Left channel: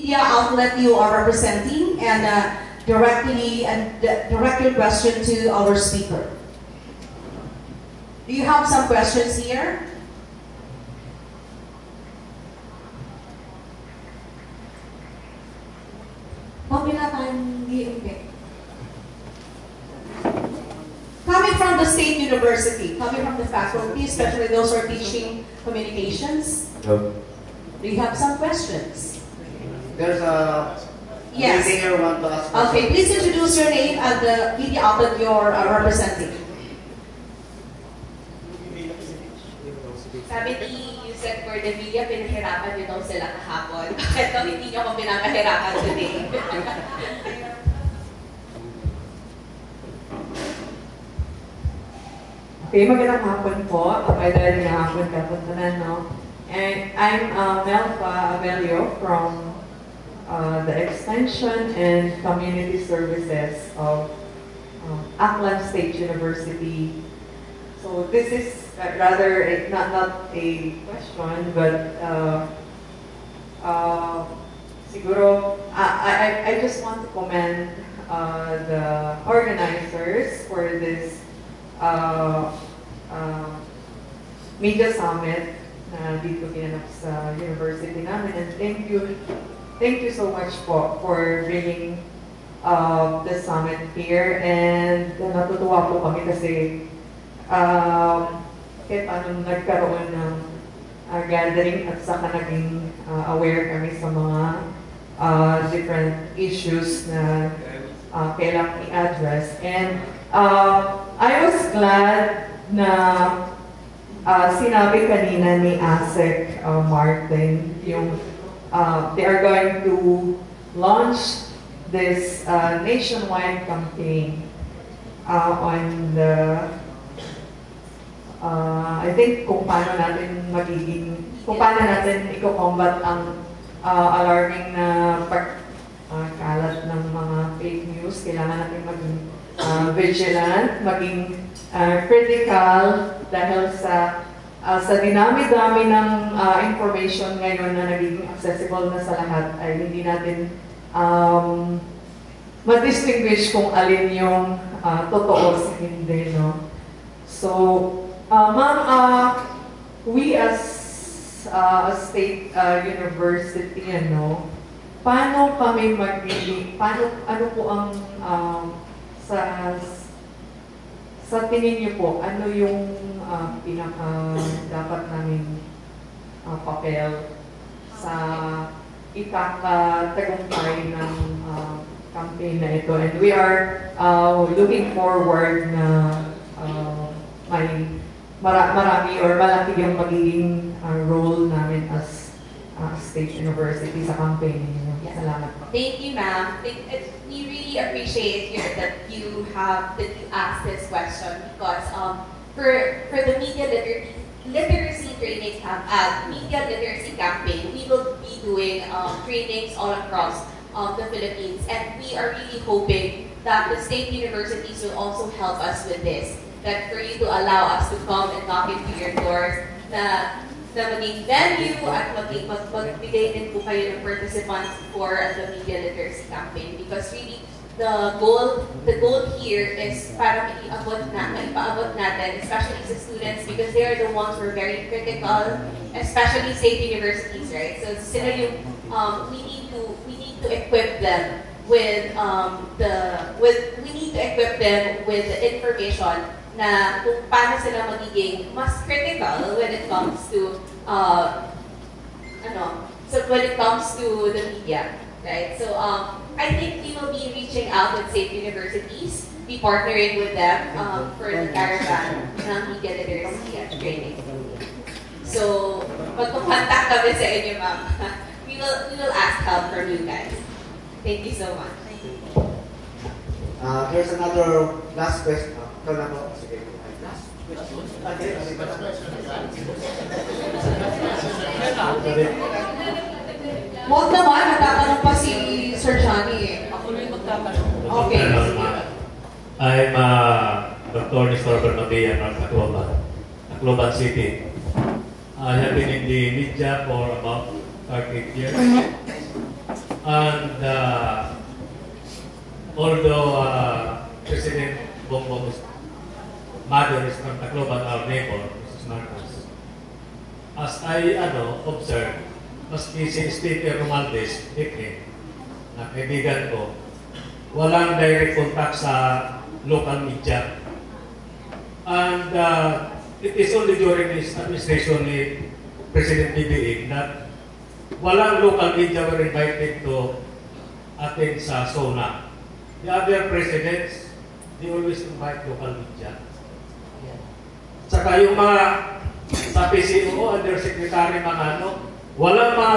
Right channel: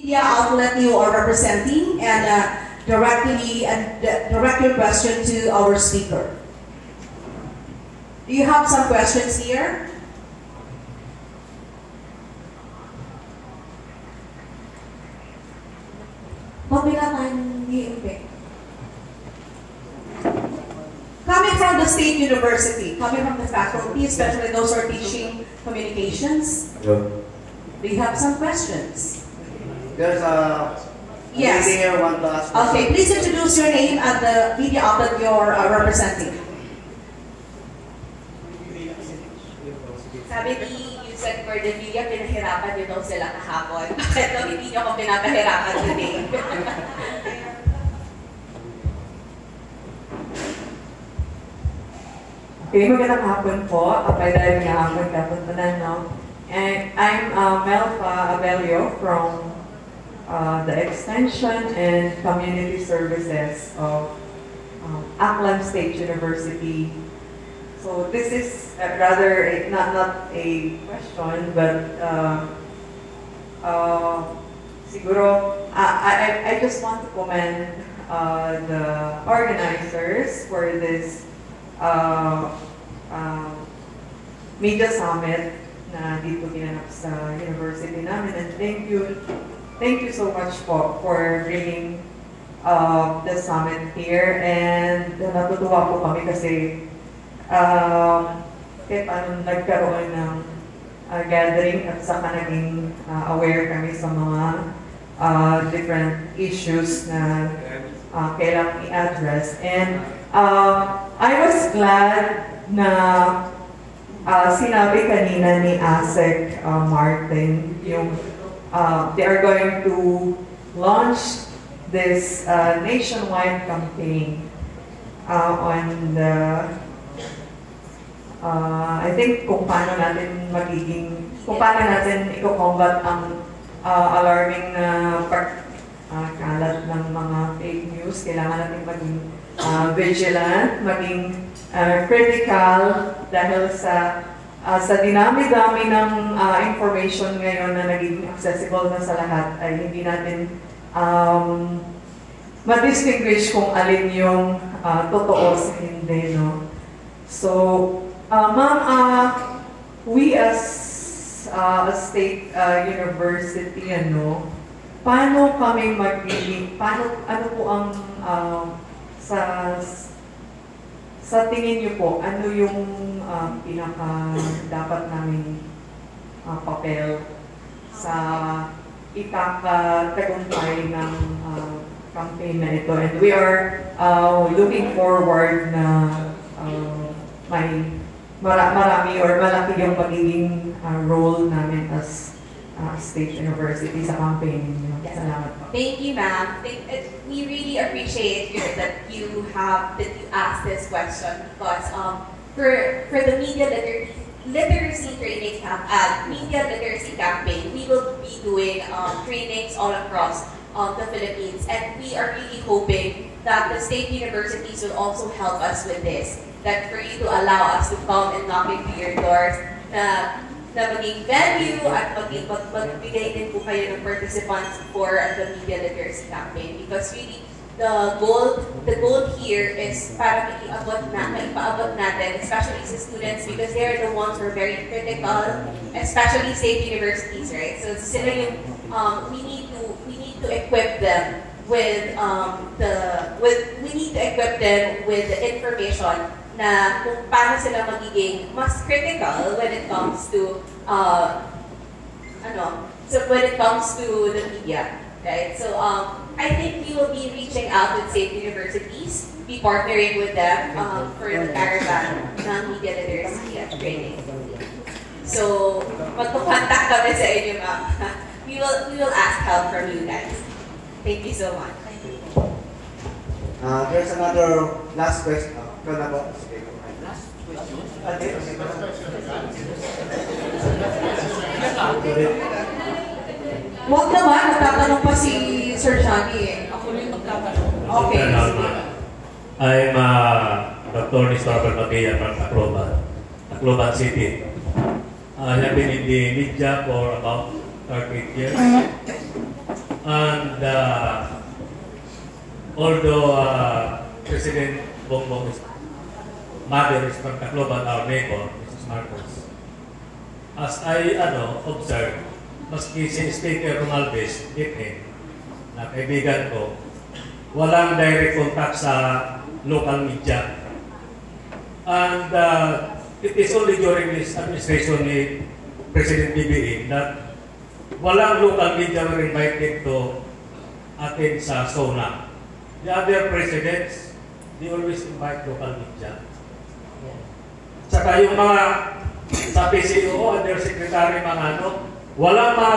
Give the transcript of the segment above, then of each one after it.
Media outlet you are representing and direct your question to our speaker. Do you have some questions here? Coming from the state university, coming from the faculty, especially those who are teaching communications, do you have some questions? There's a yes. lady here who wants to ask. Okay, please introduce your name and the media outlet you're representing. Sabi ni Yusek for the media, pinahirapan nyo daw sila kahapon. Bakit daw hindi nyo ako pinapahirapan today? Okay, magandang hapon po. May dahil niya hapon kapon po na, no? And I'm Melfa Abelio from the Extension and Community Services of Aklan State University. So this is rather not a question, but siguro I just want to commend the organizers for this media summit na dito ginanap sa university namin, and thank you so much for bringing the summit here, and natutuwa po kami kasi kahit paano nagkaroon ng gathering at saka naging aware kami sa mga different issues na kailangang i-address. And I was glad na sinabi kanina ni Asek Martin yung they are going to launch this nationwide campaign on the I think kung paano natin i-combat ang alarming na pagkalat ng mga fake news. Kailangan natin maging vigilant, maging critical dahil sa dinami-dami ng information ngayon na nagiging accessible na sa lahat, ay hindi natin ma-distinguish kung alin yung totoo sa hindi, no? So, ma'am, we as a state university, paano kami ano po ang sa tingin niyo po, ano yung pinaka dapat namin papel sa ikakatagumpay ng campaign na ito? And we are looking forward na marami or malaki yung pagiging role namin as State University sa campaign niyo. Salamat po. Thank you, ma'am. We really appreciate that you asked this question because for the media literacy training media literacy campaign, we will be doing trainings all across the Philippines, and we are really hoping that the state universities will also help us with this. That for you to allow us to come and knock into your doors, na maging venue at magbigay din po kayo ng participants for the media literacy campaign, because really the goal here is para maipaabot natin, especially sa students, because they are the ones who are very critical, especially state universities, right? So sila yung we need to equip them with the information na kung paano sila magiging mas critical when it comes to the media, right? So I think we will be reaching out with state universities, be partnering with them for the caravan ng media literacy training. So magko-contact kami sa inyo, ma'am. We will ask help from you guys. Thank you so much. There's another last question. Huwag naman, natatanong pa si Sir Johnny. Ako yung magtatanong. Okay. I'm Dr. Nistor Matia from Aklan City. I have been in the media for about 38 years. And although President Bongbong's mother is from Tacloban, our neighbor, Mrs. Marcos, as I observed, maski si Speaker Romualdez, Dikhin, na kaibigan ko, walang direct contact sa local media. And it is only during his administration ni President BBM that walang local media were invited to attend sa SONA. The other presidents, they always invite local media. Saka yung mga sa PCO, undersecretary, mga walang mga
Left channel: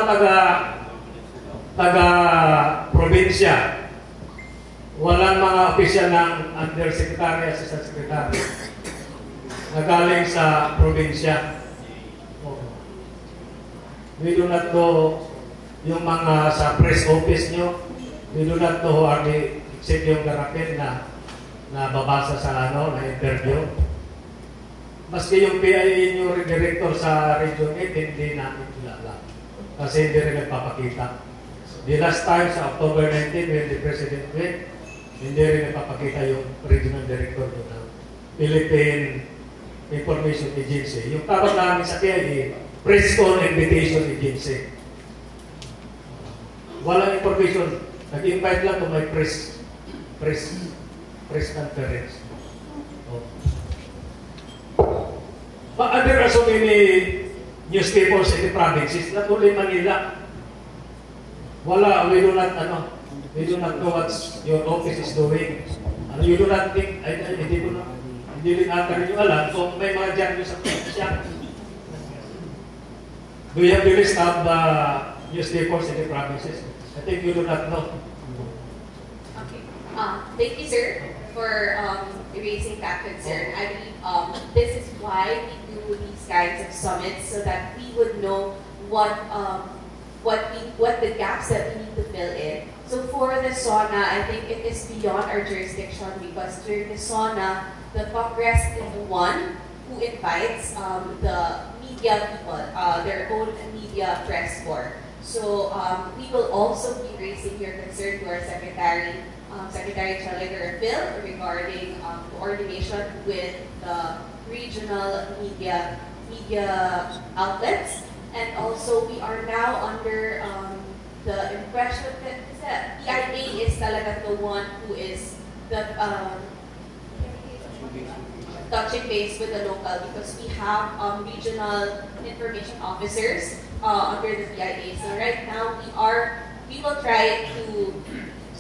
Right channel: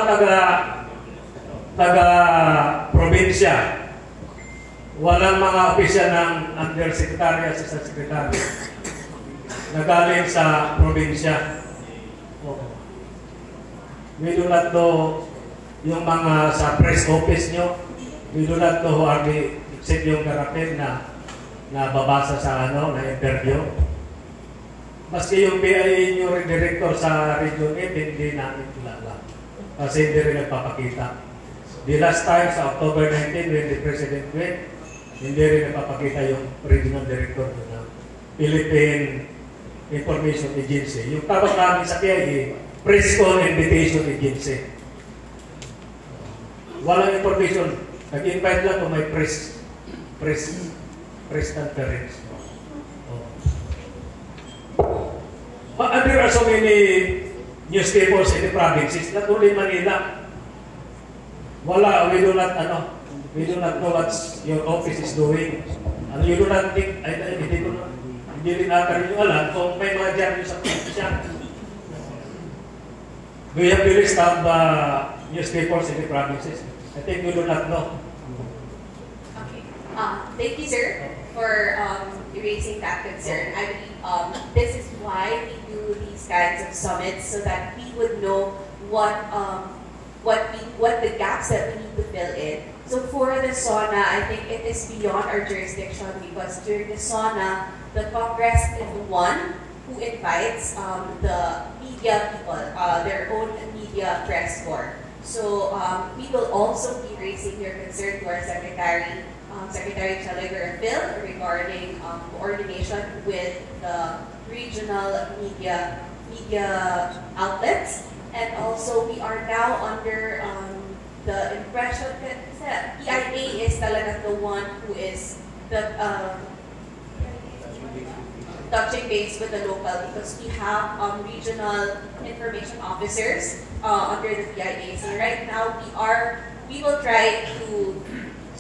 taga-probinsya. Walang mga opisyal ng undersecretary at assistant secretary na galing sa probinsya. We do not know yung mga sa press office nyo. We do not know who are the except yung garapin na babasa sa na interview. Maski yung PIA nyo director sa Region 8, hindi namin kilala. Kasi hindi rin nagpapakita. The last time sa October 19 when the President went, hindi rin nagpapakita yung regional director ng Philippine Information Agency. Yung tawag namin sa PIA, Press Con Invitation Agency. Walang information. Nag-invite lang kung may press conference. But there are so many newspapers in the provinces, not only Manila. We do not know what your office is doing. And you do not think, hindi rin ata rin yung alam kung may mga dyan sa probinsya. Do you have the list of newspapers in the provinces? I think you do not know. Okay. Thank you, sir, for raising that concern. I believe this is why we do these kinds of summits, so that we would know what the gaps that we need to fill in. So for the SONA, I think it is beyond our jurisdiction, because during the SONA, the Congress is the one who invites the media people, their own media press corps. So we will also be raising your concern to our Secretary Challenger Phil, regarding coordination with the regional media outlets. And also, we are now under the impression that PIA is talaga the one who is the touching base with the local, because we have regional information officers under the PIA. So right now, we will try to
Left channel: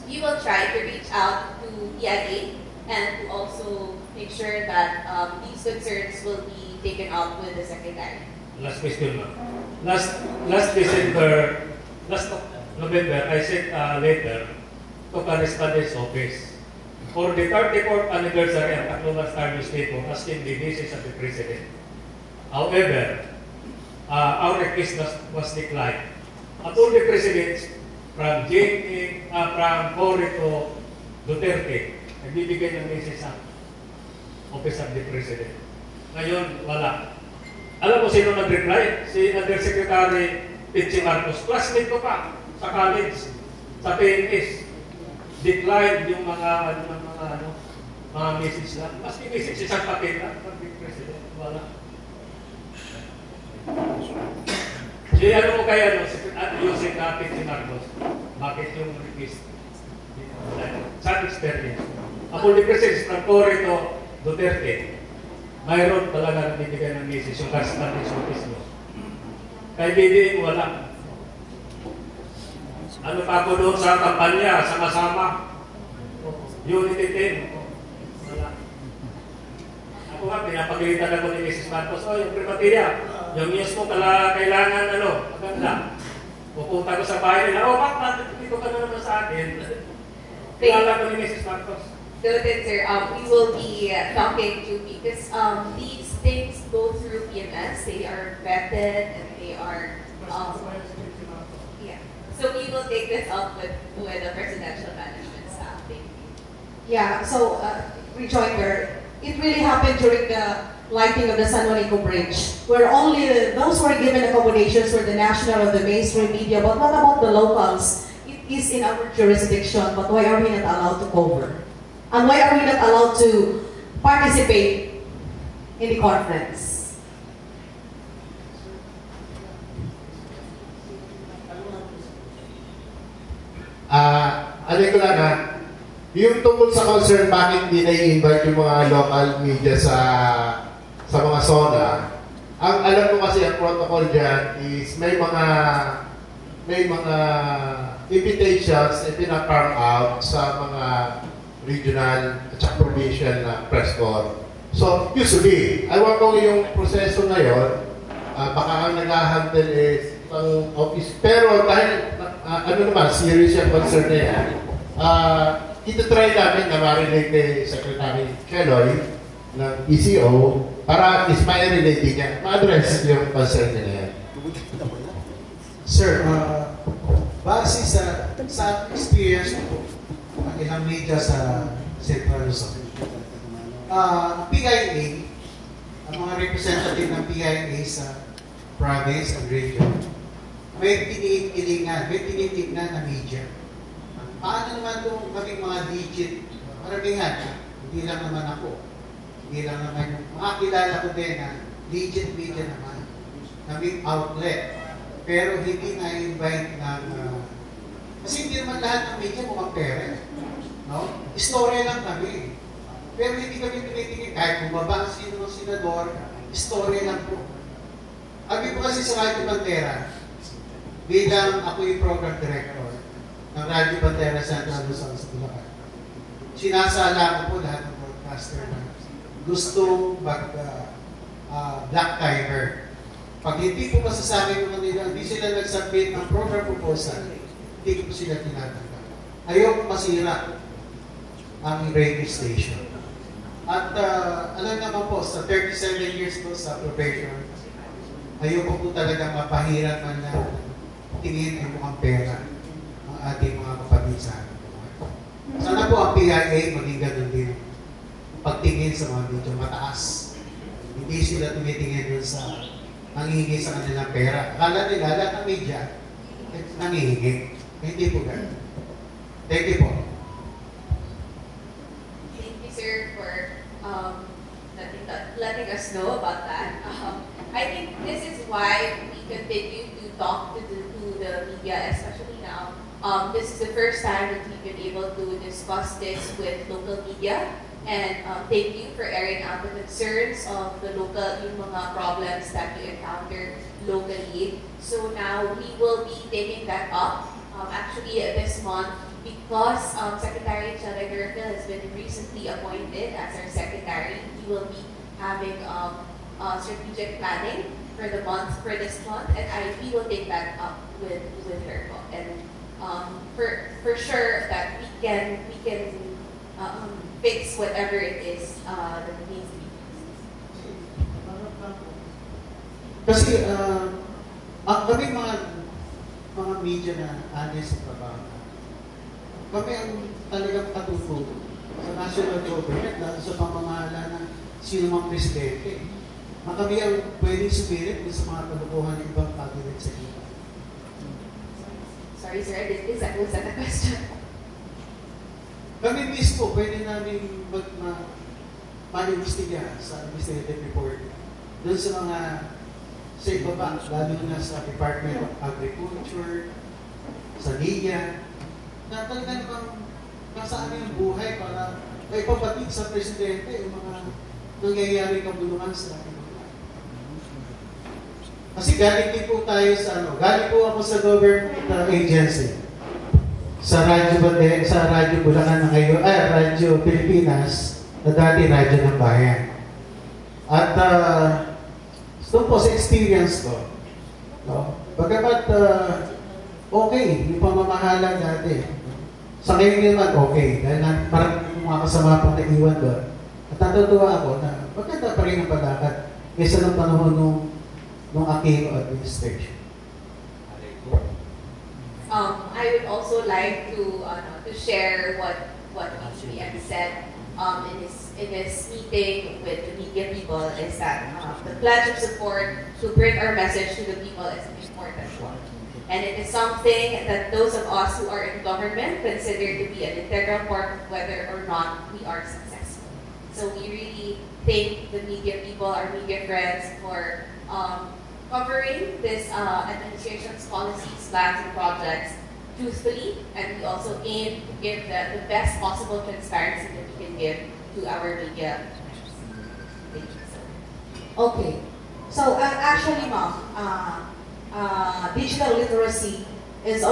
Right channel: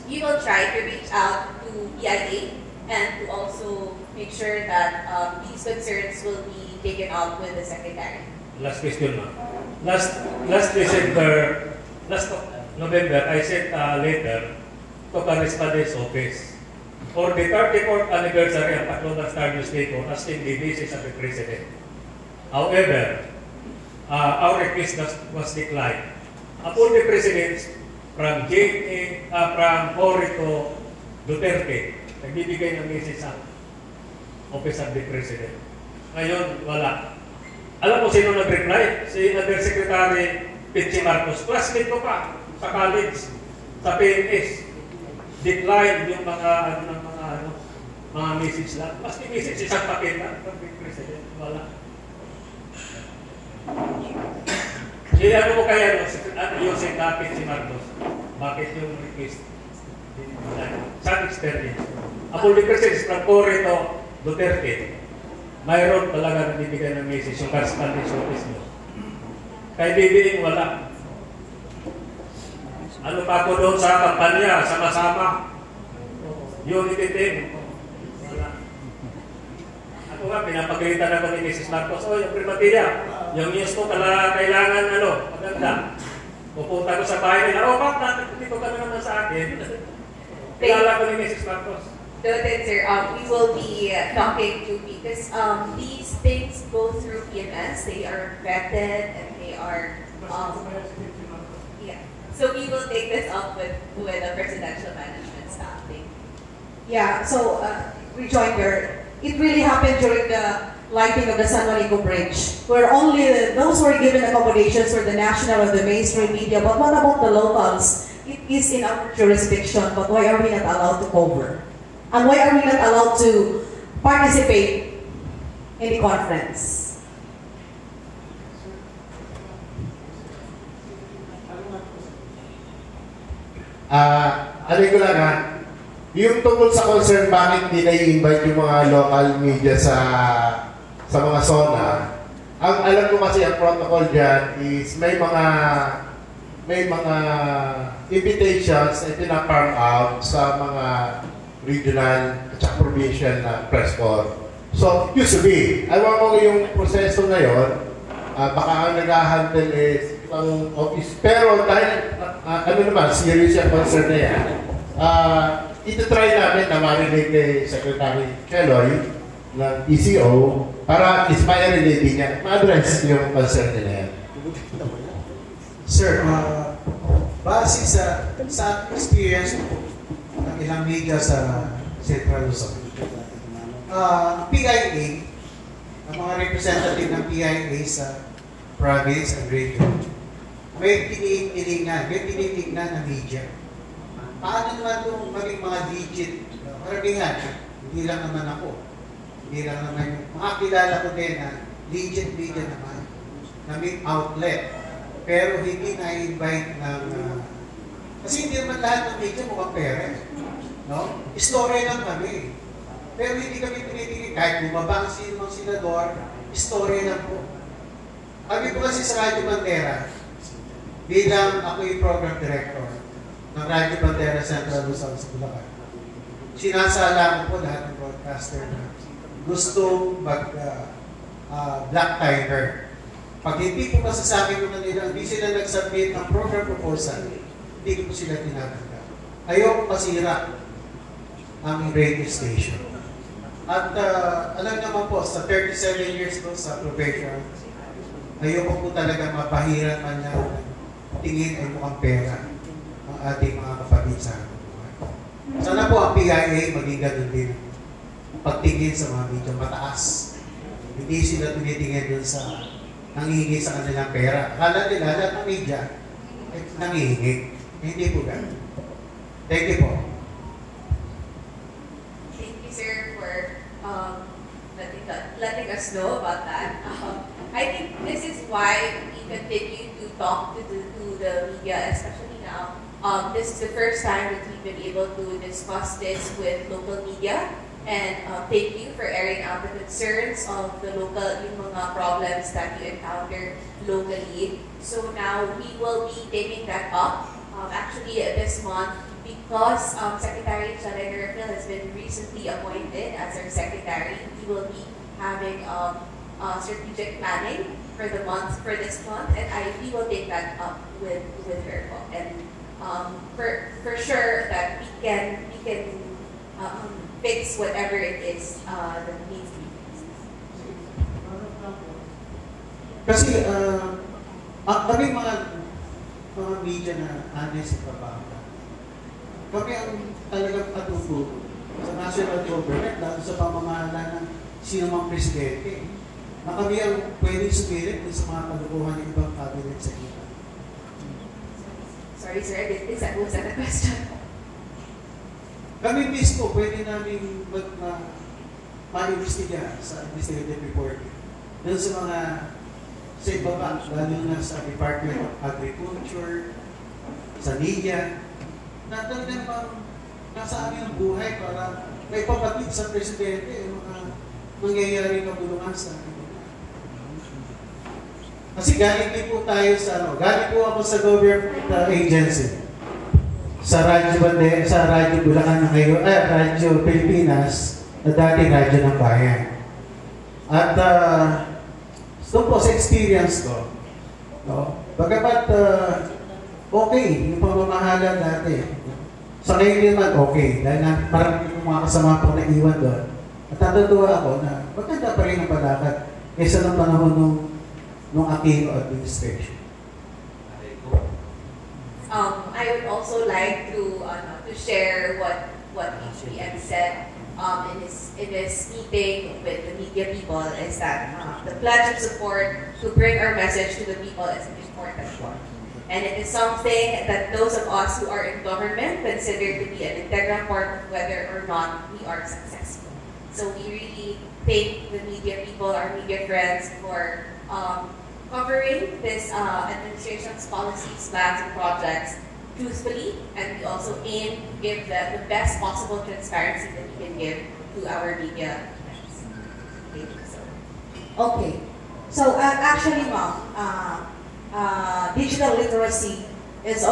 reach out to PIA and to also make sure that these concerns will be taken up with the Secretary. Last question, ma'am. Last November, I sent a letter to Correspondent's Office for the 34th anniversary of Aklan Star Newspaper, asking the visits of the President. However, our request was declined. Upon the Presidents from Cory to Duterte, nagbibigay ng message sa Office of the President. Ngayon, wala. Alam mo sino nag-reply? Si Undersecretary Pichi Marcos. Classmate ko pa sa college, sa PNS. Decline yung mga message lang. Maski message isang papel lang from the President. Wala. Ano mo kaya using kapit si Marcos? Bakit yung request? Sa experience. Upon the President from Cory to Duterte, mayroon talaga nagbibigay ng message yung Correspondent's Office nyo. Kay BBM, wala. Ano pa po doon sa kampanya, sama-sama? Unity team. Wala. Ako nga, pinapagalitan ako ni Mrs. Marcos, yung Primatia, yung news ko kailangan, maganda. Pupunta ko sa bahay nila, bakit dito ka naman sa akin? Kilala ko ni Mrs. Marcos. Noted, sir. We will be talking to, because these things go through PMS. They are vetted and they are yeah. So we will take this up with the presidential management staff. Thank you. Yeah. So rejoinder. It really happened during the lighting of the San Juanico Bridge, where only those who were given accommodations were the national or the mainstream media. But what about the locals? it is in our jurisdiction, but why are we not allowed to cover? And why are we not allowed to participate in the conference? Alin ko lang ha, yung tungkol sa concern, bakit hindi na i-invite yung mga local media sa mga zona, ang alam ko kasi ang protocol dyan is may mga invitations na pina-farm out sa mga regional at saka provincial na press corps. So, usually, ayaw ko yung proseso ngayon, baka ang nag-handle is ibang office. Pero dahil, ano naman, serious yung concern na yan, ito-try namin na ma-relate ni Secretary Cheloy ng PCO para is ma-relate niya, ma-address yung concern nila yan. Sir, base sa experience ko ng ilang media sa Central Luzon, PIA, ang mga representative ng PIA sa province and region, may tinitingnan ng media. Paano naman itong maging mga legit? Maramihan, hindi lang naman ako. Hindi lang naman yung mga kilala ko din na legit media naman, na may outlet. Pero hindi na-invite ng... kasi hindi naman lahat ng media mukhang pere. No? Istorya lang kami. Pero hindi kami tinitingin. Kahit bumaba ang sino ng senador, istorya lang po. Sabi po kasi sa Radyo Bandera, bilang ako yung program director ng Radyo Bandera Central Luzon sa Bulacan, sinasala ko po lahat ng broadcaster na gusto black timer. Pag hindi po masasabi ko kanila, hindi sila nag-submit ng program proposal, hindi ko po sila tinatanggap. Ayoko masira ang radio station. At alam naman po, sa 37 years ko sa Provincial, ayoko po talaga mapahiran man lang tingin ay mukhang pera ang ating mga kapatid sa akin. Sana po ang PIA maging ganun din. Pagtingin sa mga medyo mataas. Hindi sila tinitingin dun sa nangihingi sa kanilang pera. Akala nila lahat ng media nangihingi. Hindi po ganun. Thank you po. Thank you, sir, for letting us know about that. I think this is why we continue to talk to the media, especially now. This is the first time that we've been able to discuss this with local media. And thank you for airing out the concerns of the local, yung mga problems that you encounter locally. So now we will be taking that up. Actually, this month, because Secretary Charay has been recently appointed as our secretary, we will be having strategic planning for the month, for this month, and we will take that up with her. And for sure that we can fix whatever it is that needs to be fixed. Kasi kami mga media na honest sa trabaho, kami ang talagang katututo sa national government, lalo sa pamamahala ng sino mang presidente, na kami ang pwedeng sumirit sa mga kalukuhan ng ibang cabinet secretary. Sorry, sir, was that the question? Kami mismo, pwede namin ma-investiga sa investigative report doon sa mga sa ibaba, lalo na sa Department of Agriculture, sa NIA, na talagang bang nasaan yung buhay para may papatid sa presidente yung mga nangyayaring kabulungan sa ibaba. Kasi galing din po tayo sa galing po ako sa government agency. Sa Radyo Bandera, sa Radyo Bulacan na ngayon, Radyo Pilipinas, na dati Radyo ng Bayan. At doon po sa experience ko, bagamat okay, yung pamamahala dati, sa ngayon naman okay, dahil parang yung mga kasama pang nag-iwan doon. At natutuwa ako na maganda pa rin ang palakad kaysa ng panahon nung aking administration. I would also like to share what EPM said in his meeting with the media people, is that the pledge of support to bring our message to the people is an important one. And it is something that those of us who are in government consider to be an integral part of whether or not we are successful. So we really thank the media people, our media friends, for covering this administration's policies, plans, and projects truthfully, and we also aim to give the best possible transparency that we can give to our media. Thank you. Okay. So actually, ma'am, digital literacy is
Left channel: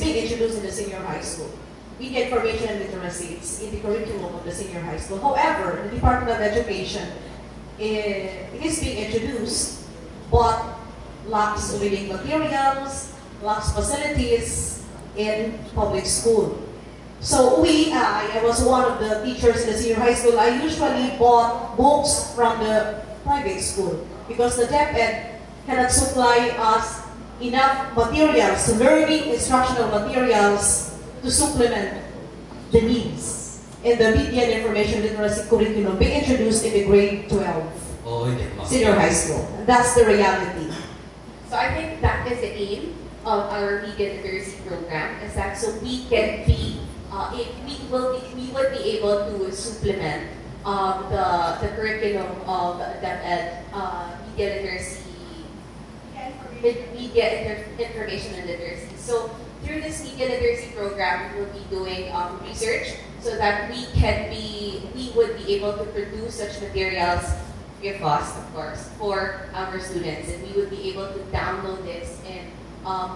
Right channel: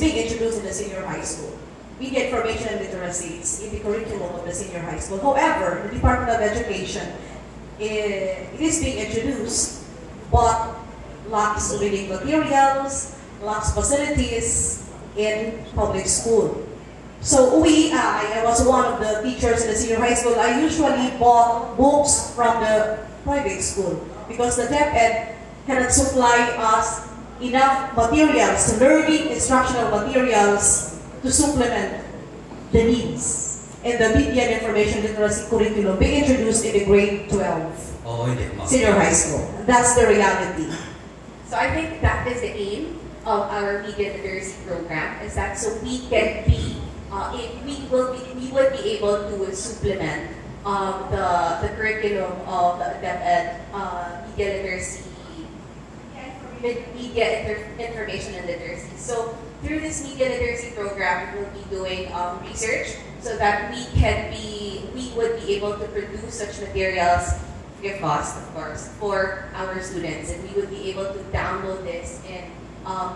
being introduced in the senior high school. Media information and literacy is in the curriculum of the senior high school. However, the Department of Education, it is being introduced, but lacks reading materials, lacks facilities in public school. So I was one of the teachers in the senior high school. I usually bought books from the private school because the DepEd cannot supply us enough materials, learning instructional materials to supplement the needs. And the media and information literacy curriculum being introduced in the grade 12 senior high school. That's the reality. So I think that is the aim of our media literacy program, is that so we can be, we would be able to supplement the curriculum of the media literacy, information and literacy. So through this media literacy program, we'll be doing research so that we would be able to produce such materials free of cost, of course, for our students, and we would be able to download this in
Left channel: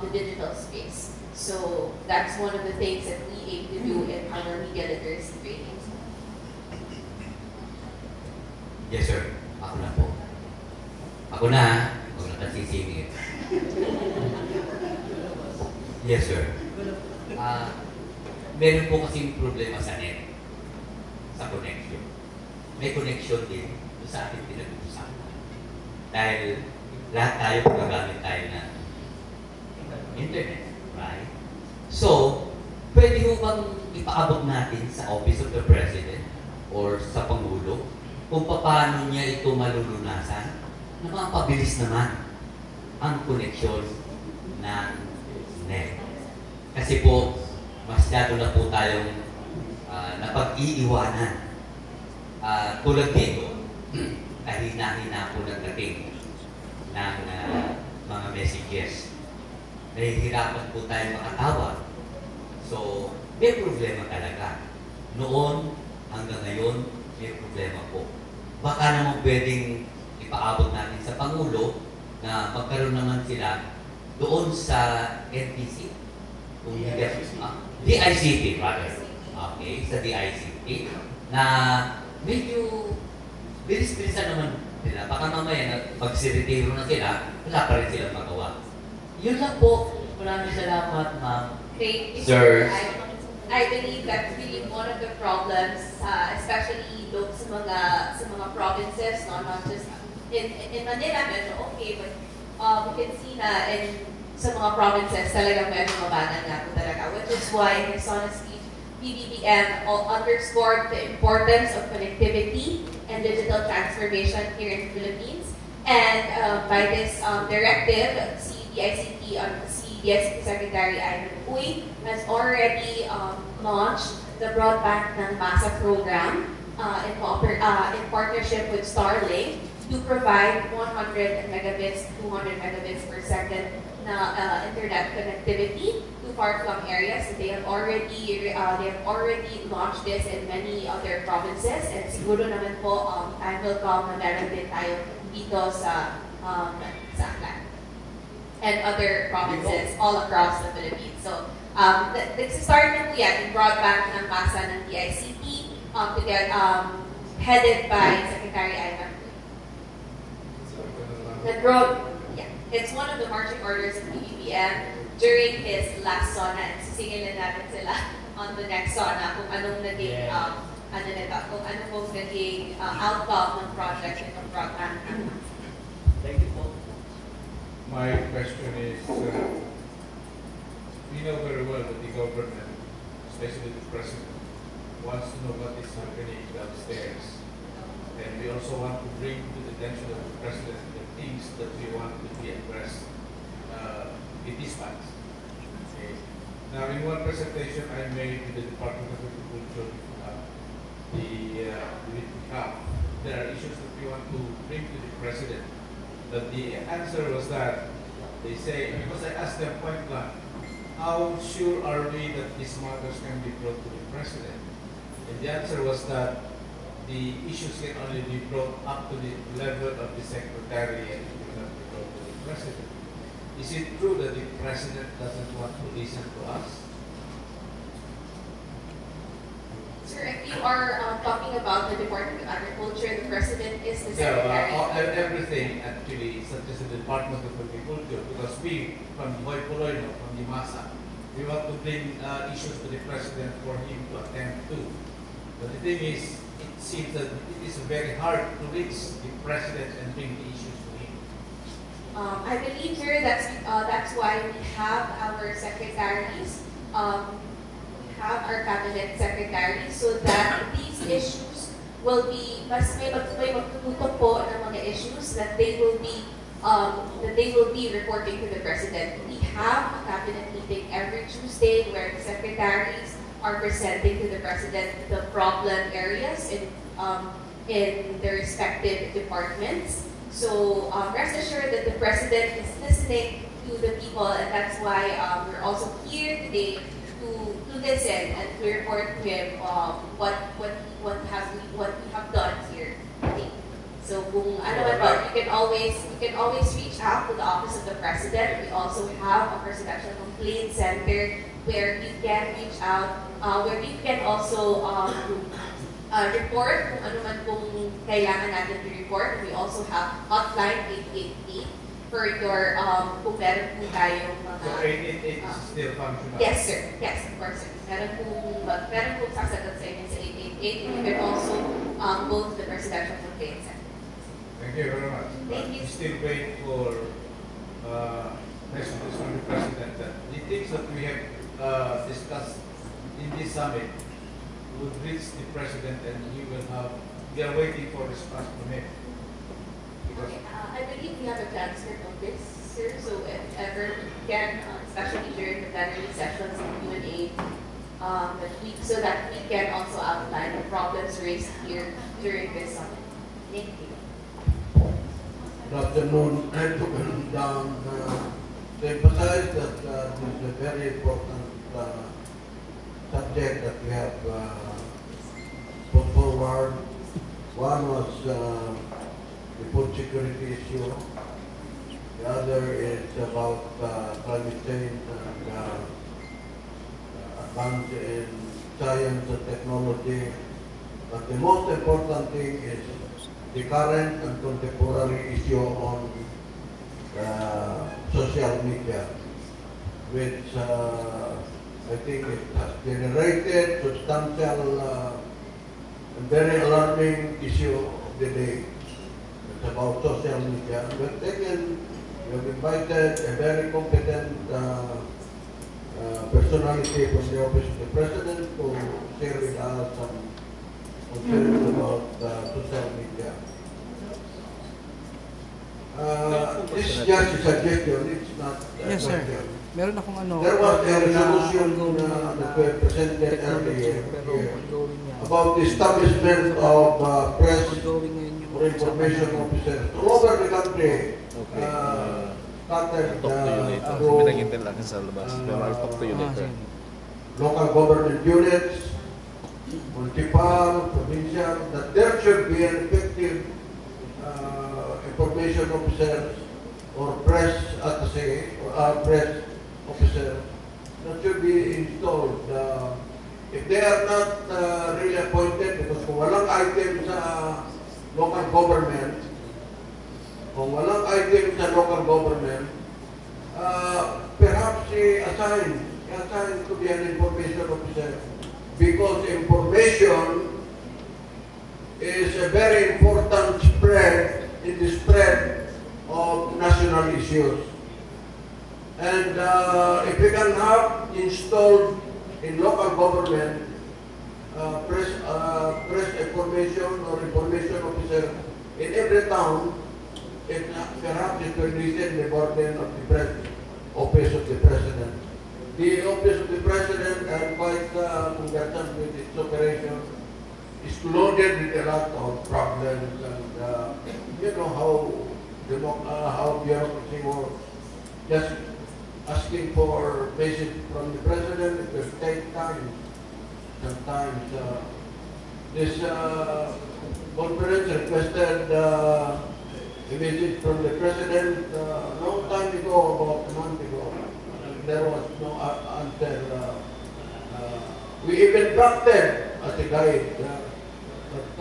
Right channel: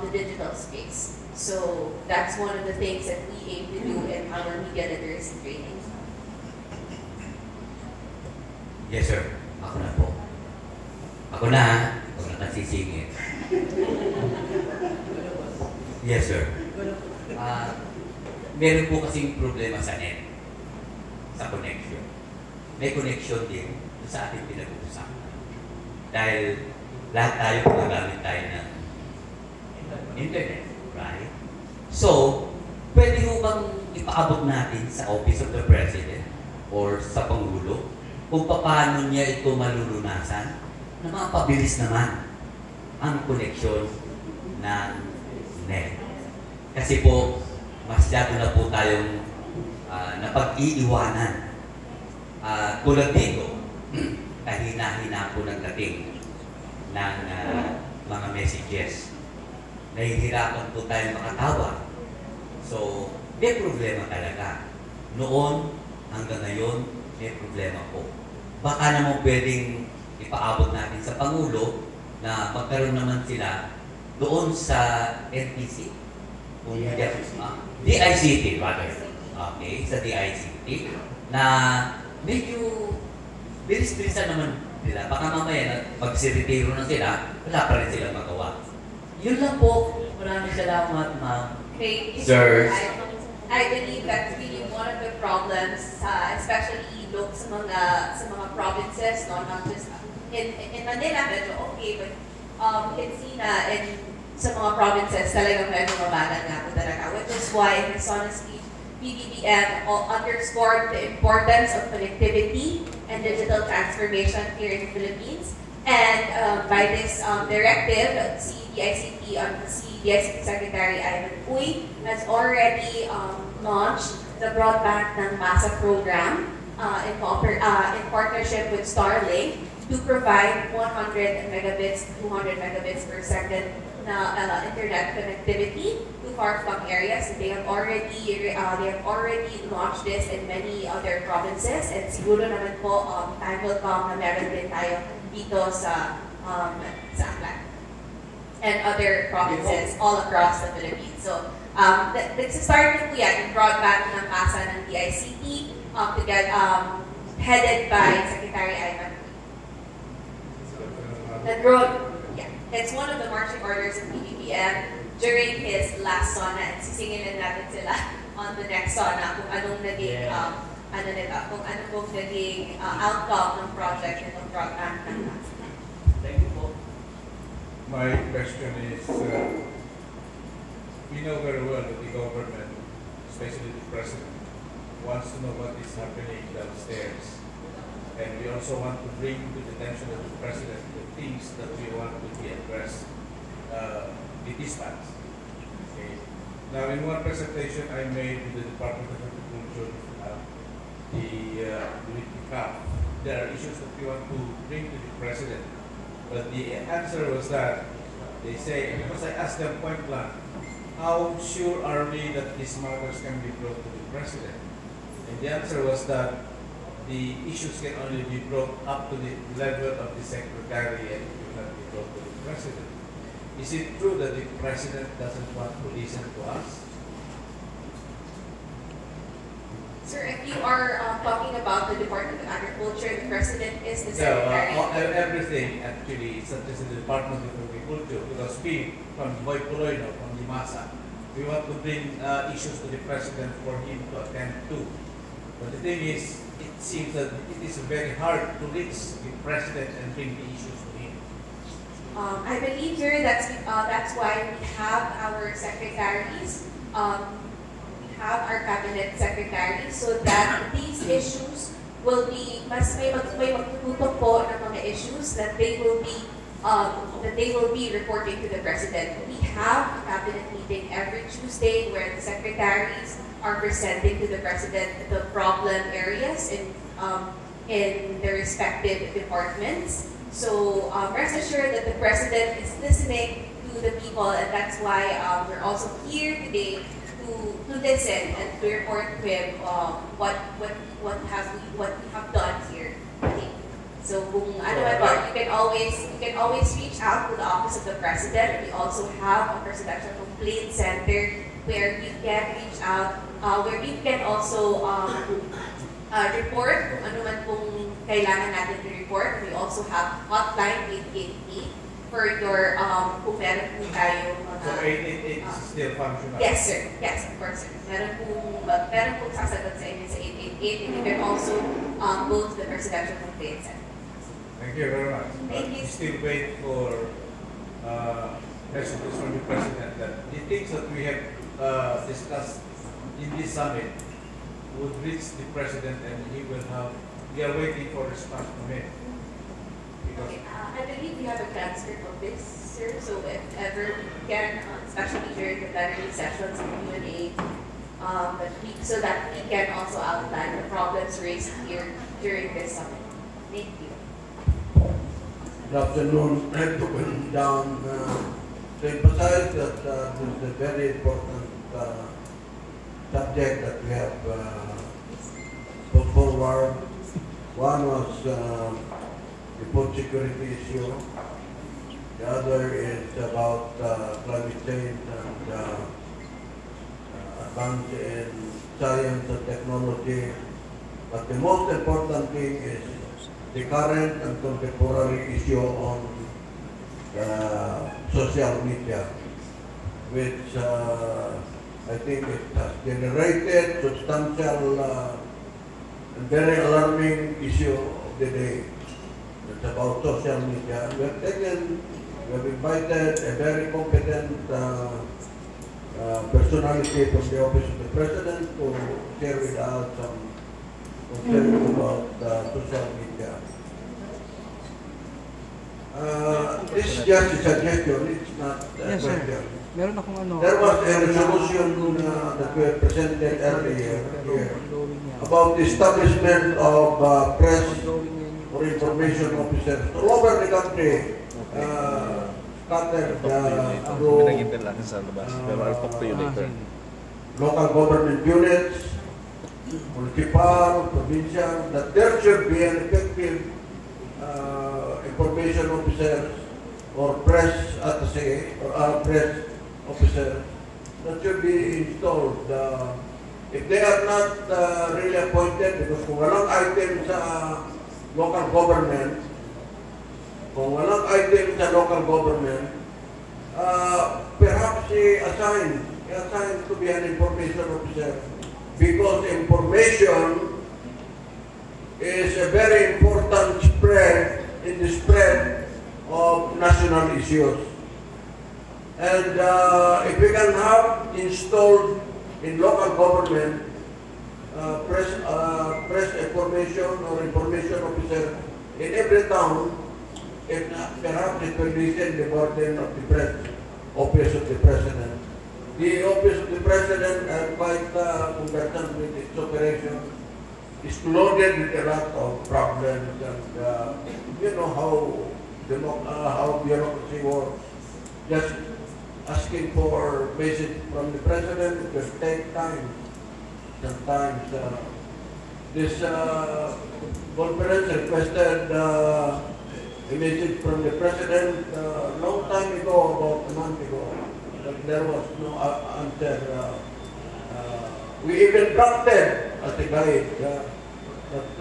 the digital space. So that's one of the things that we aim to do in our media literacy training. Yes, sir. Ako na po. Ako na nagsisingit. Yes, sir. Meron po kasing problema sa net, sa connection. May connection din sa ating pinag-uusapan. Dahil lahat tayo gumagamit tayo ng internet, right? So, pwede mo bang ipaabot natin sa Office of the President or sa Pangulo kung paano niya ito malulunasan na mapabilis naman ang koneksyon ng net. Kasi po, masyado na po tayong napag-iiwanan. Tulad dito, kahina-hina po ng dating ng mga messages. Nahihirapan po tayong makatawag. So, may problema talaga. Noon hanggang ngayon, may problema po. Baka naman pwedeng ipaabot natin sa Pangulo na magkaroon naman sila doon sa NTC. Kung DICT, rather. Okay, sa DICT. Na medyo bilis-bilisan naman sila. Baka mamaya magsiretiro na sila, wala pa rin silang magawa. Yun lang po. Maraming salamat, ma'am. Sir. I believe that's really one of the problems, especially sa mga provinces, no? Not just in Manila, medyo okay, but we can see na sa mga provinces talagang medyo mababa nga po talaga, which is why in his honestly, PBBM underscored the importance of connectivity and digital transformation here in the Philippines. And by this directive, CDICT Secretary Ivan Uy has already launched the Broadband ng Masa program in partnership with Starlink to provide 100 megabits, 200 megabits per second na internet connectivity to far-flung areas. And they have already launched this in many other provinces. And siguro naman po time will come na meron din tayo dito sa Aklan and other provinces all across the Philippines. So, start na po yan, yung broadband ng masa ng DICT headed by Secretary Ivan. It's one of the marching orders of PBBM during his last SONA, and sisingilin natin sila on the next SONA kung anong naging, kung anong pong naging outcome ng project itong broadband ng masa. Thank you po. My question is, we know very well that the government, especially the president, wants to know what is happening downstairs. And we also want to bring to the attention of the president the things that we want to be addressed be dispatched. Okay. Now, in one presentation I made to the Department of Agriculture, with the CAP, there are issues that we want to bring to the President. But the answer was that they say, because I asked them point blank, how sure are we that these matters can be brought to the President? And the answer was that the issues can only be brought up to the level of the Secretary and it will not be brought to the President. Is it true that the President doesn't want to listen to us? Sir, if you are talking about the Department of Agriculture, the President is the Secretary. Yeah, everything actually, such as the Department of Agriculture, because we, from Boy Puloy, from the Masa, we want to bring issues to the President for him to attend to. But the thing is, it seems that it is very hard to reach the President and bring the issues to him. I believe, sir, that's why we have our secretaries, we have our cabinet secretaries, so that these issues will be, mas may magtututok po ng mga issues that they will be reporting to the President. We have a cabinet meeting every Tuesday where the secretaries are presenting to the President the problem areas in the respective departments. So rest assured that the President is listening to the people, and that's why we're also here today to listen and to report to him what we have done here today. So kung ano man ba, you can always reach out to the Office of the President. We also have a Presidential Complaint Center where you can reach out, where you can also report kung ano man pong kailangan natin to report. We also have hotline 888 for your kung meron po tayong mga... So 888 is still functional? Yes, sir. Yes, of course, sir. Meron pong sasagot sa inyo sa 888, and you can also go to the Presidential Complaint Center. Thank you very much. Thank you. We still wait for messages from the President that the things that we have discussed in this summit would reach the President, and we are waiting for response from him. Okay, I believe we have a transcript of this, sir, so if ever we can, especially during the plenary sessions and Q&A, so that we can also outline the problems raised here during this summit. Thank you. Good afternoon. I took down to emphasize that this is a very important subject that we have put forward. One was the food security issue. The other is about climate change and advance in science and technology. But the most important thing is the current and contemporary issue on social media, which I think it has generated substantial and very alarming issue of the day. It's about social media. We have invited a very competent personality from the Office of the President to share with us some concerns about social media. This is just a suggestion, it's not a question. Meron akong ano. There was a resolution that we presented earlier here about the establishment of press or information officers all over the country, scattered through local government units, municipal, provincial, that there should be an effective information officer or press attaché or press officer that should be installed. If they are not really appointed, because kung walang item sa local government, perhaps i-assign to be an information officer, because information is a very important spread in the spread of national issues. And if we can have installed in local government press information or information officer in every town, perhaps it will lessen the burden of the press. office of the president. The office of the president, quite conversant with its operation, is loaded with a lot of problems, and you know how bureaucracy works. Just asking for message from the president, it will take time. Sometimes this conference requested a message from the president long time ago, about a month ago. There was no answer. We even drafted as a guide, but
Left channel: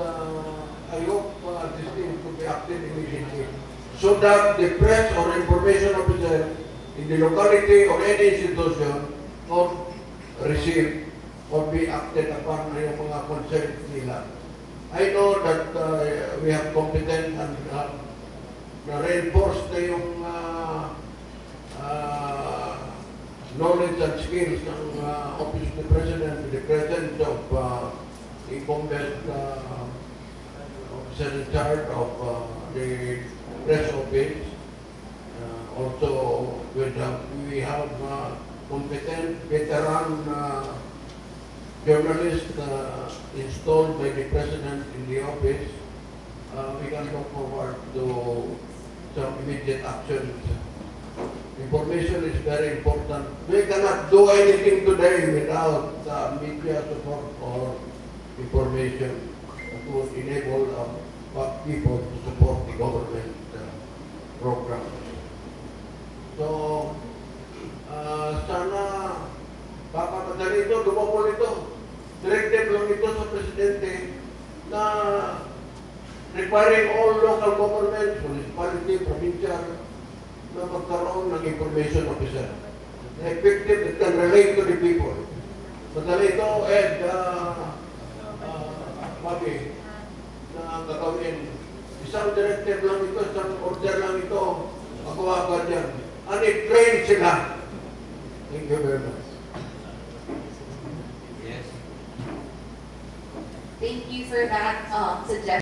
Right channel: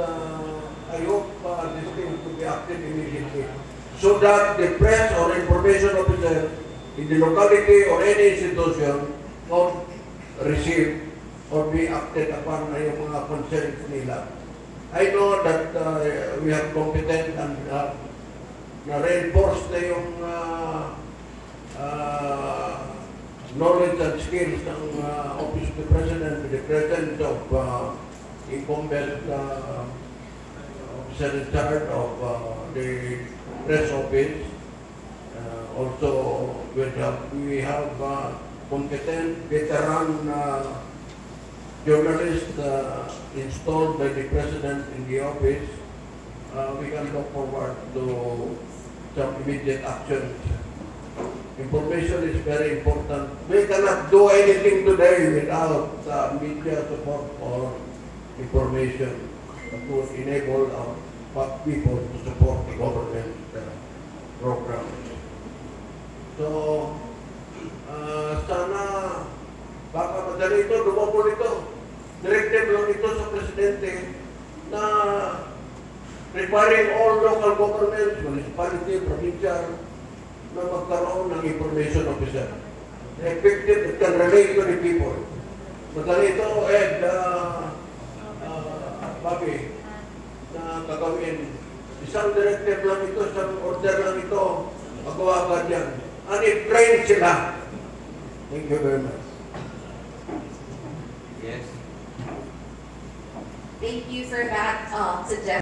I hope this thing could be acted immediately, so that the press or information officer in the locality or any institution not receive or be acted upon yung mga concerns nila. I know that we have competent and na-reinforce na yung knowledge and skills ng Office of the President with the presence of incumbent officer in charge of the press office. Also, we have competent veteran journalists installed by the President in the office. We can look forward to some immediate action. Information is very important. We cannot do anything today without media support or information that would enable people to support the government programs. So, sana baka madali ito, lumabol ito. Directive lang ito sa Presidente na requiring all local governments, municipality, provincial, na magkaroon ng information officer. Effective that can relate to the people. Madali ito, Ed, Bobby, na gagawin. Isang directive lang ito, isang order lang ito, magawa agad yan. And i-train sila. Thank you very much. Yes. Thank you for that suggestion.